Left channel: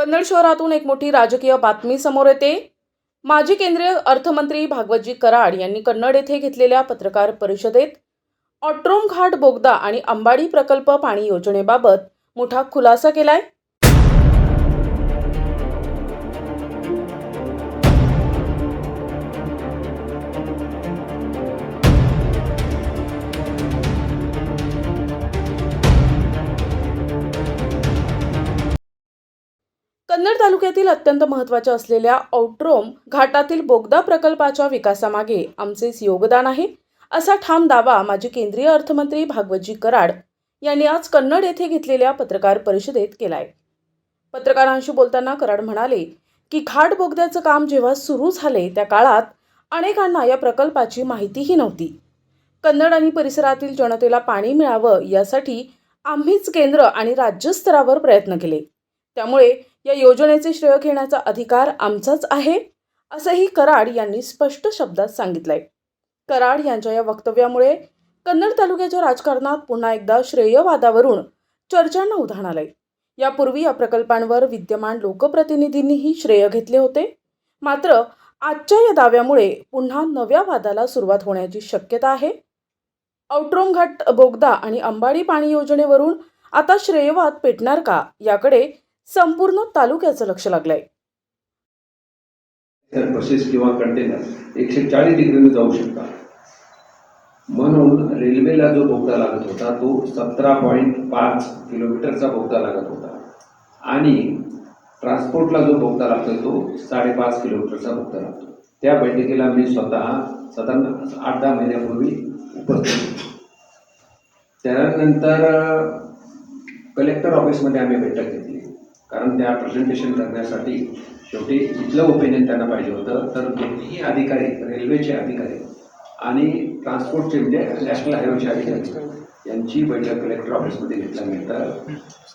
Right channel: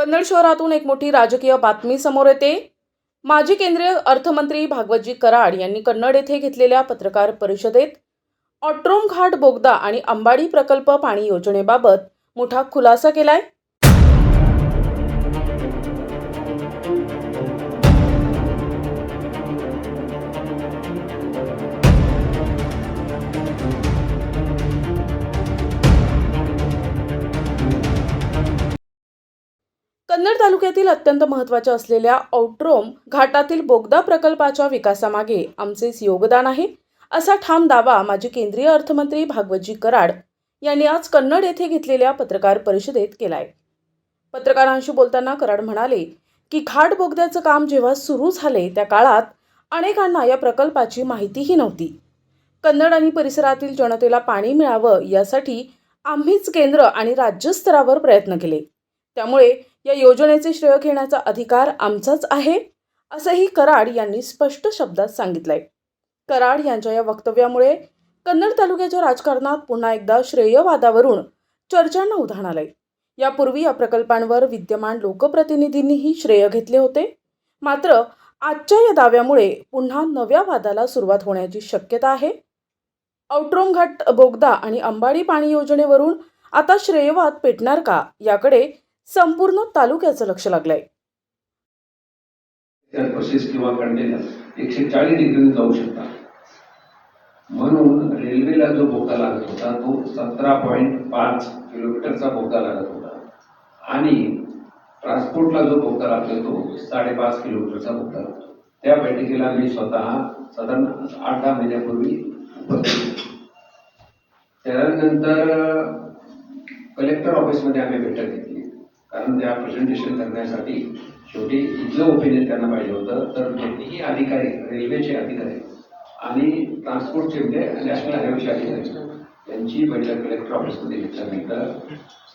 कन्नड शहरातून एक मोठी राजकीय बातमी समोर येते। माजी केंद्रीय अर्थमंत्री भागवतजी कराड यांनी कन्नड येथे घेतलेल्या पत्रकार परिषदेत ऑट्रोम घाट बोगदा आणि अंबाडी प्रकल्प पाणी योजनेबाबत मोठा खुलासा केलाय। कन्नड तालुक्यातील अत्यंत महत्त्वाच्या असलेल्या ऑट्रोम घाटातील बोगदा प्रकल्पाच्या विकासामागे आमचेच योगदान आहे, असा ठाम दावा माजी केंद्रीय अर्थमंत्री भागवतजी कराड यांनी आज कन्नड येथे घेतलेल्या पत्रकार परिषदेत केलाय। पत्रकारांशी बोलताना कराड म्हणाले की घाट बोगद्याचं काम जेव्हा सुरू झाले त्या काळात अनेकांना या प्रकल्पाची माहितीही नव्हती। कन्नड आणि परिसरातील जनतेला पाणी मिळावं यासाठी आम्हीच केंद्र आणि राज्य स्तरावर प्रयत्न केले, त्यामुळे या योजनेचे श्रेय घेण्याचा अधिकार आमचाच आहे, असंही कराड यांनी स्पष्ट शब्दात सांगितलंय। कराड यांच्या या वक्तव्यामुळे कन्नड तालुक्याच्या राजकारणात पुन्हा एकदा श्रेयवादावरून चर्चांना उधाण आलंय। यापूर्वी या प्रकल्पांवर विद्यमान लोकप्रतिनिधींनीही श्रेय घेतले होते, मात्र आजच्या या दाव्यामुळे पुन्हा नव्या वादाला सुरुवात होण्याची शक्यता आहे। ऑट्रोम घाट बोगदा आणि अंबाडी पाणी योजनेवरून आता श्रेयवाद पेटणार का, याकडे संपूर्ण तालुक्याचं लक्ष लागलंय। तर बसेस किंवा कंटेनर 140 डिग्रीने जाऊ शकतात, म्हणून रेल्वेला जो बोगदा लागत होता तो 17.5 किलोमीटरचा बोगदा लागत होता आणि ट्रान्सपोर्टला जो बोगदा लागतो तो 5.5 किलोमीटरचा बोगदा लागतो। त्या बैठकीला मी स्वतः साधारण 8-10 महिन्यापूर्वी उपस्थित। त्यानंतर कलेक्टर ऑफिसमध्ये आम्ही बैठक घेतली, कारण त्या प्रेझेंटेशन करण्यासाठी शेवटी इथलं ओपिनियन त्यांना पाहिजे होतं। तर दोन्ही अधिकारी, रेल्वेचे अधिकारी आणि ट्रान्सपोर्टचे म्हणजे नॅशनल हायवेचे अधिकारी यांची बैठक कलेक्टर ऑफिसमध्ये घेतल्यानंतर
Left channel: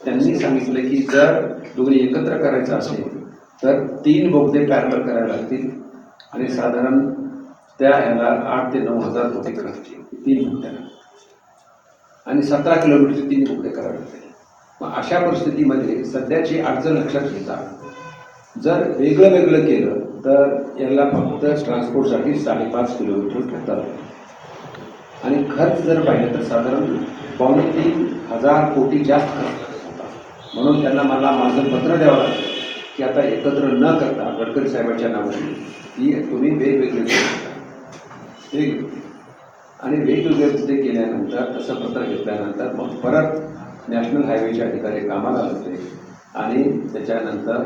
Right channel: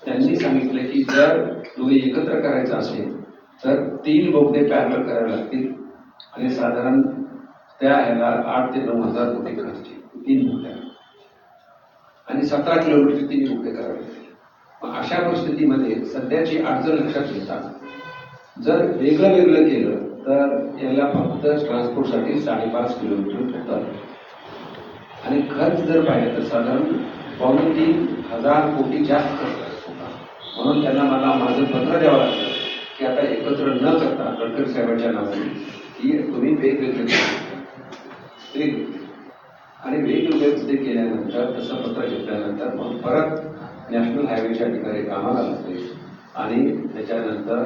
त्यांनी सांगितलं की जर दोन्ही एकत्र करायचं असेल तर 3 बोगदे पॅरलल करावे लागतील आणि साधारण त्या ह्याला 8 ते 9 हजार रुपये खर्च 3 बोगद्यांना आणि 17 किलोमीटरचे 3 बोगदे करावे लागतील। मग अशा परिस्थितीमध्ये सध्याची अडचण लक्षात घेता जर वेगळं वेगळं केलं तर याला फक्त ट्रान्सपोर्टसाठी 5.5 किलोमीटर होतात आणि खर्च जर पाहिलं तर साधारण 2,500 कोटी जास्त खर्च लागत होता। म्हणून त्यांना मला माझं पत्र द्यावं लागलं की आता एकत्र न करता गडकरी साहेबांच्या नावाने की तुम्ही वेगवेगळे आणि वेगवेगळे केल्यानंतर तसं पत्र घेतल्यानंतर मग परत नॅशनल हायवेचे अधिकारी कामाला लागले आणि त्याच्यानंतर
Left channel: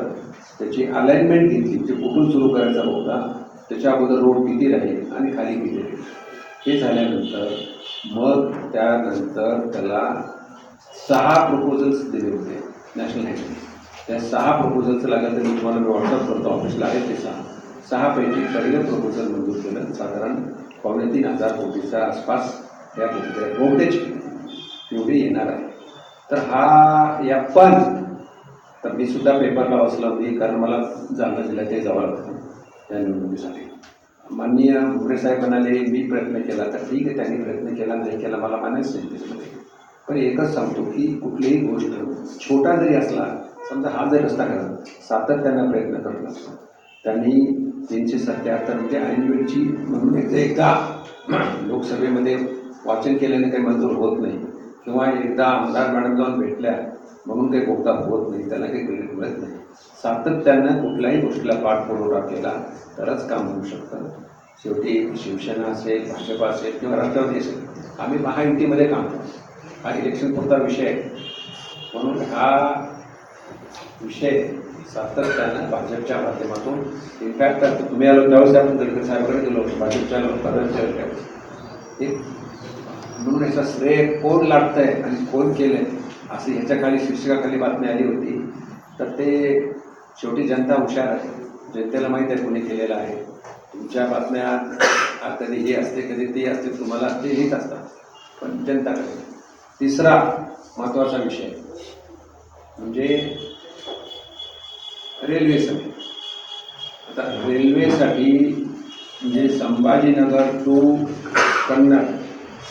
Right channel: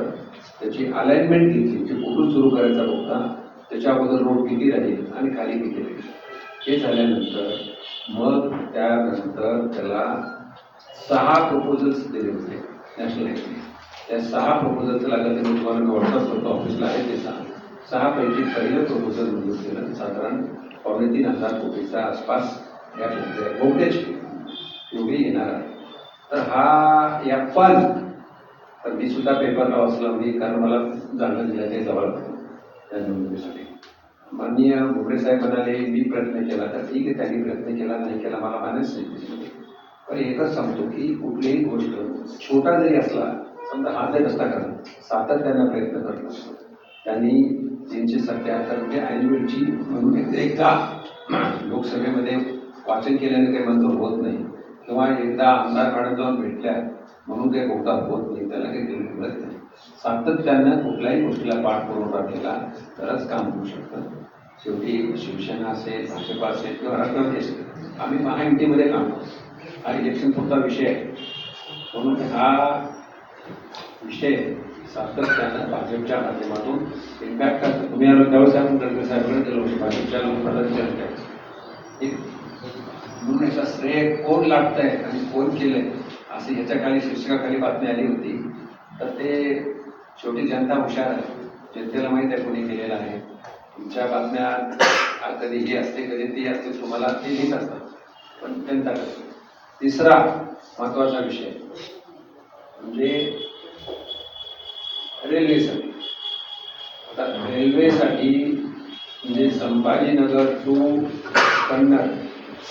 त्याची अलाइनमेंट घेतली, म्हणजे कुठून सुरू करायचा होता, त्याच्या अगोदर रोड किती राहील आणि खाली किती राहील हे झाल्यानंतर मग त्यानंतर त्याला 6 प्रपोजल्स दिले होते नॅशनल हायवे। त्या 6 प्रपोजलचं लागलं तर मी तुम्हाला व्हॉट्सअप करतो, ऑफिसला आहे ते 6 पैकी पहिलं प्रपोजल मंजूर केलं, साधारण 2,500 कोटीच्या आसपास या बोगद्याची एवढी येणार आहे। तर हा या पण तर मी सुद्धा पेपरला वाचलं मी, कारण मला जालना जिल्ह्यात ते जावं लागतं या निवडणुकीसाठी। माननीय भुमरे साहेब म्हणाले मी प्रयत्न केला, तर ठीक आहे, त्यांनी प्रयत्न केला नाही केला मला मानायच नाही त्याच्यामध्ये। पण एकच सांगतो की कुठलीही गोष्ट छोटा जरी असला, समजा हा जर रस्ता करा सातत्यानं प्रयत्न करत असतो, त्यांनी 377 म्हणजे ऐनवेळची म्हणून एकदा लोकसभेमध्ये वाचन केल्याने काही मंजूर होत नाही किंवा एकदा आमदार मॅडम जाऊन भेटल्या म्हणून काही बोगदा होत नाही, त्याला काही मिळत नाही। सातत्यानं कुठल्याही गोष्टीला पाठपुरावा केला तरच काम होऊ शकतं। शेवटी शिवसेना असेल, भाजप असेल किंवा राष्ट्रवादी असेल, आम्ही महायुतीमध्ये काम करतो, हा इलेक्शन पुरता विषय आहे। म्हणून हा विषय सातत्यानं भाजपच्या माध्यमातून इम्पॅक्ट करतो। तुम्ही आलो त्यावेळेस आपण गडकरी साहेबांकडे गेलो, भाजपच्या लोकांना विचारलं त्यावेळेस म्हणून याचा श्रेय कोण लागतंय आणि कोण केलंय असं ह्याच्याखाली शीर्षकाखाली बातमी आली होती। तर ते शेवटी जनता हुशार आहे, जनतेला माहीत आहे कोणी केलेलं आहे। तुमच्या बातम्या कधी हे असते कधी ते असते, तुम्हाला ते लिहित असतात, पण जनता करते। तिसरा महत्त्वाचा विषय म्हणजे रेल्वेसाठी। आता रेल्वेसाठी म्हणजे संभाजीनगर टू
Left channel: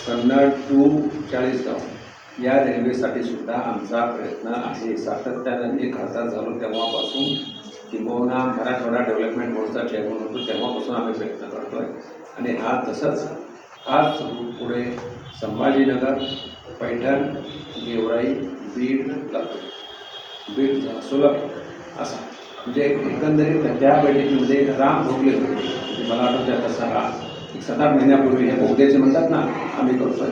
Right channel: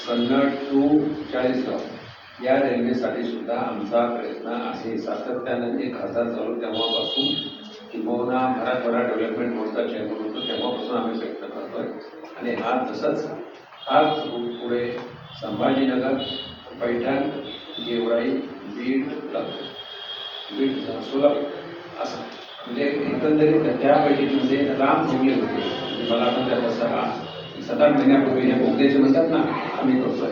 कन्नड टू चाळीसगाव या रेल्वेसाठी सुद्धा आमचा प्रयत्न आहे. सातत्यानं मी खासदार झालो तेव्हापासून किंबहुना मराठवाडा डेव्हलपमेंट बोर्डचा चेअरमन होतो तेव्हापासून आम्ही प्रयत्न करतोय आणि हाच रूट पुढे संभाजीनगर, पैठण, गेवराई, बीड, सोलापूर असं म्हणजे एकंदरीत त्या बैठकीमध्ये राम भोगले होते. म्हणजे मला आठवते आता 7-8 महिन्यापूर्वी हे बोगद्याचे म्हणतात ना आम्ही करतोय.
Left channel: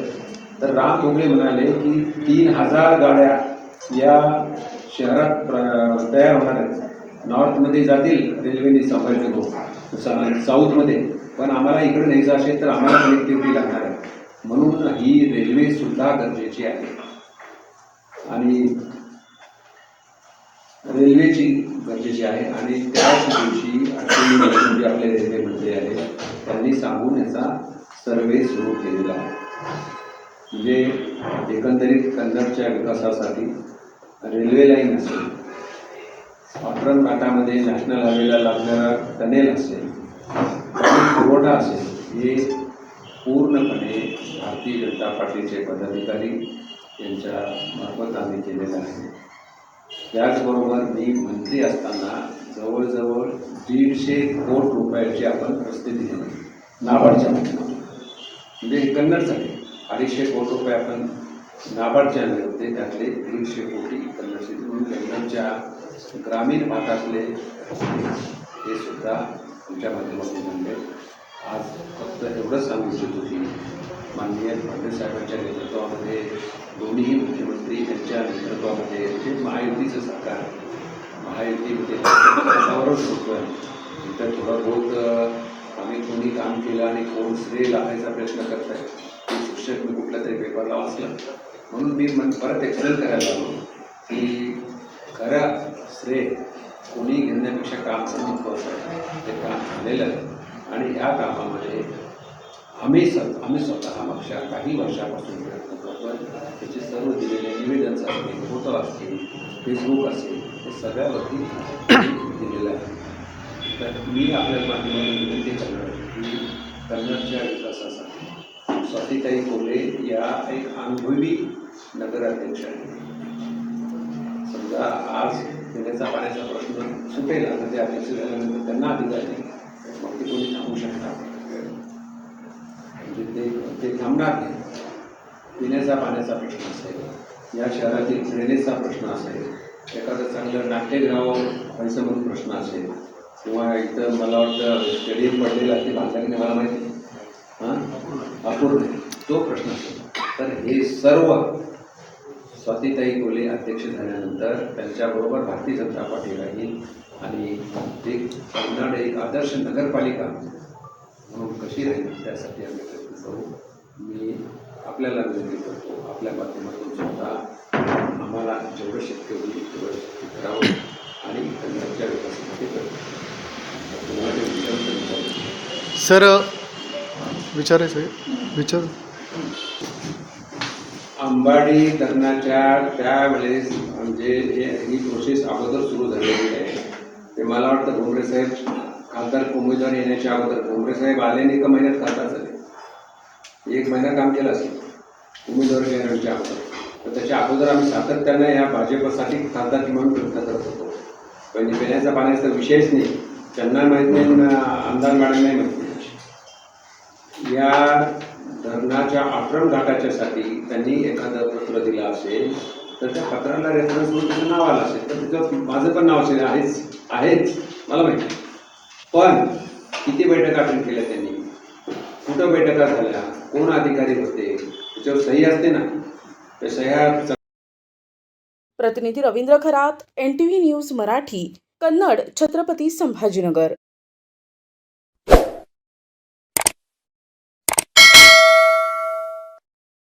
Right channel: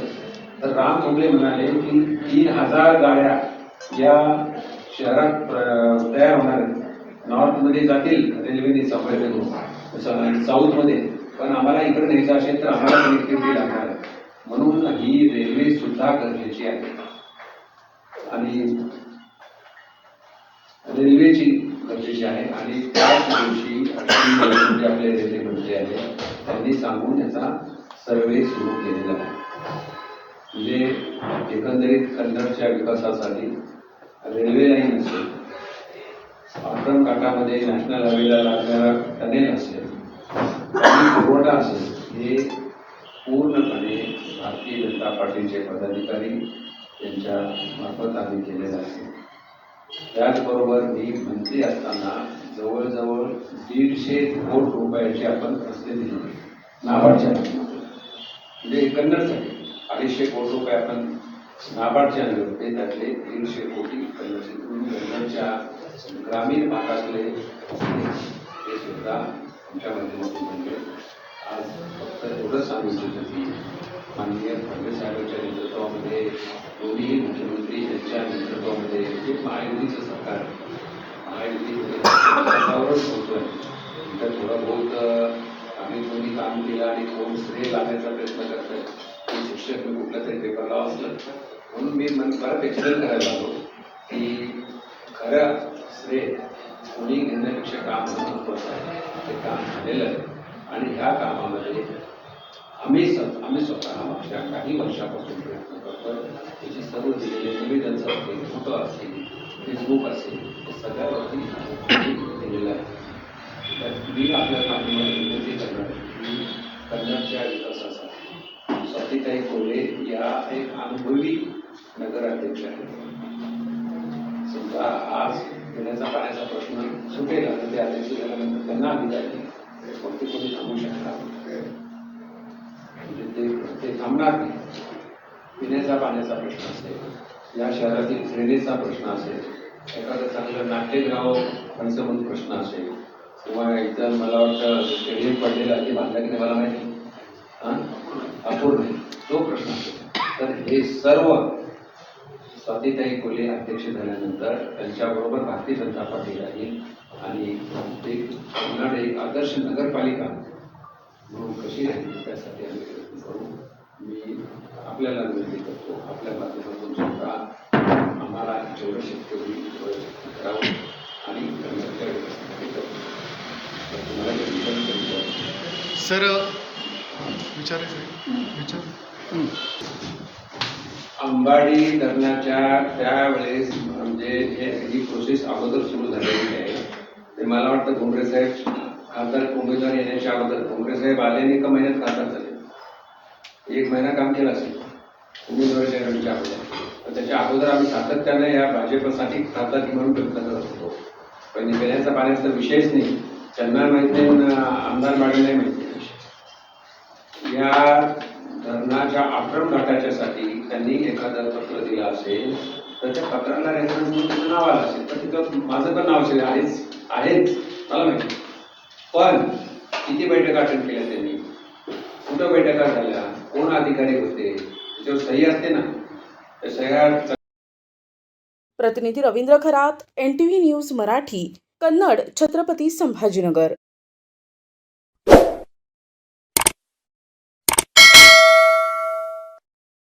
तर राम भोगले म्हणाले की 3000 गाड्या या शहरात तयार होणार आहेत. नॉर्थमध्ये जातील रेल्वेने संभाजीनगर, साऊथमध्ये, पण आम्हाला इकडे न्यायचं असेल तर आम्हाला कनेक्टिव्हिटी लागणार आहे. म्हणून ही रेल्वे सुद्धा गरजेची आहे आणि रेल्वेची गरजेची आहे आणि त्याच दिवशी अश्विनी आपले रेल्वे मंत्री आले, त्यांनी सांगून याचा सर्वे सुरू केलेला आहे. म्हणजे एकंदरीत कन्नडच्या विकासासाठी रेल्वे लाईन असेल, पांढरण घाटामध्ये नॅशनल हायवेला लागणारा टनेल असेल, पाणी पुरवठा असेल, हे पूर्णपणे भारतीय जनता पार्टीचे पदाधिकारी यांच्या मार्फत आम्ही केलेलं आहे. त्याचबरोबर मी मंत्री असताना जवळजवळ 150 कोटी रुपयाचे आपण रस्ते दिले नाबार्डच्या, म्हणजे कन्नडसाठी 250 कोटी रुपये आपण नाबार्डचे आणले होते. त्यातले 150 कोटी कन्नडच्या ग्रामीण भागातले हे सुद्धा आमच्या माध्यमातून आणले. आज फक्त एवढंच सांगू इच्छितो की माननीय फडणवीस साहेबांच्या नेतृत्वामध्ये, दोन्ही मुख्यमंत्री यांच्या नेतृत्वामध्ये जे महायुतीचं सरकार, महायुतीमध्ये त्याच्यावरच होतं आहे. त्याच्यात थोडं बहुत आम्ही कोणी काम केलं आणि कोण श्रेय लावायचा प्रयत्न करत आहे ते शिक्षक मी कुठल्या तरी पेपरला वाचलं, म्हणून मी परत एक्सप्लेन करायला लागलो की खरं श्रेय कोणी घेण्यापेक्षा काम महत्त्वाचं आहे. ते काम झालेलं आहे आणि ह्या कामामध्ये आम्ही स्वतः मागच्या काही वर्षापासून प्रयत्न करतो. त्याचे सर्व दिलेले निवेदन्स असतील, फोटो असतील, फेसबुक असेल, हे सगळ्यावरती दिलेलं आहे. तर मी आपल्या माध्यमातून विनंती करणार आहे की कन्नडच्या विकासासाठी स्वातीताई कोल्हे या एक अनुभवी नगराध्यक्ष आहेत. समजा आज पिण्याचा पाण्याचा प्रश्न सुटेल, आता ते अध्यक्ष झाल्यानंतर त्यांना अधिकारी फक्त कोणी थांबू शकणार, म्हणजे ते थांबणार नाही. पिण्याचा पाण्याचा प्रश्न असेल, या शहरातील ड्रेनेजचा प्रश्न असेल, एखादं चांगलं नाट्यगृह व्हायचं म्हणून प्रश्न असेल, किंवा इथं मला वाटतं स्टेडियम पडलेलं आहे ते बांधलं की नाही मला माहिती अपूर्ण तो प्रश्न असेल, तर हे सर्व स्वातीताई कोल्हे अध्यक्ष झाल्यानंतर त्यांच्याबरोबर भारतीय जनता पार्टी राहील आणि कन्नड एक आदर्श नगरपालिका म्हणून कशी राहील त्यासाठी आम्ही प्रयत्न करू. मी आपल्याला विनंती करतो, आपल्या माध्यमातून सुद्धा आम्हाला जेवढं शक्य होईल तेवढं शक्य करावं आणि कन्नडच्या विकासासाठी प्रयत्न करावं. तुम्हाला जे विचार सर विचार अंबाडी धरणाच्या त्यावेळेस म्हणजे ही प्रोसेस अगोदर सुरू झालेली आहे. ते मला वाटतं भोंगरे साहेब खासदार उमेदवार येण्याच्या अगोदर, भोंगरे साहेब आले नाही का महिन्यात खासदार झाले, 1 महिना काम केलं असेल उमेदवार येण्याच्या अगोदर. तर त्याच्या अगोदर आम्ही सातत्याने या भाजपसाठी खासदार म्हणून प्रयत्न करत होतो. पण पिण्याचा पाण्याचा विषयच नाही, त्यांना माहीत नाही, आमदार मॅडमलाही माहीत नाही. या धरणाच्या आक्रम घाटाच्यासाठी त्यांनी एखादं पत्र दिलं असेल तर त्या पत्राला रेफरन्स म्हणून तिचं नाव आलं असेल, तर तिथं माझं पण नाव असेल, आहेच मला माहिती. पण किती बैठका अटेंड केल्या त्यांनी, कुठं बैठका झाल्या, कोण अधिकारी होते, त्याच्यावर सही असते ना, त्या सह्या. प्रतिनिधी रवींद्र खरात, NTV न्यूज मराठी, कन्नड, छत्रपती संभाजीनगर.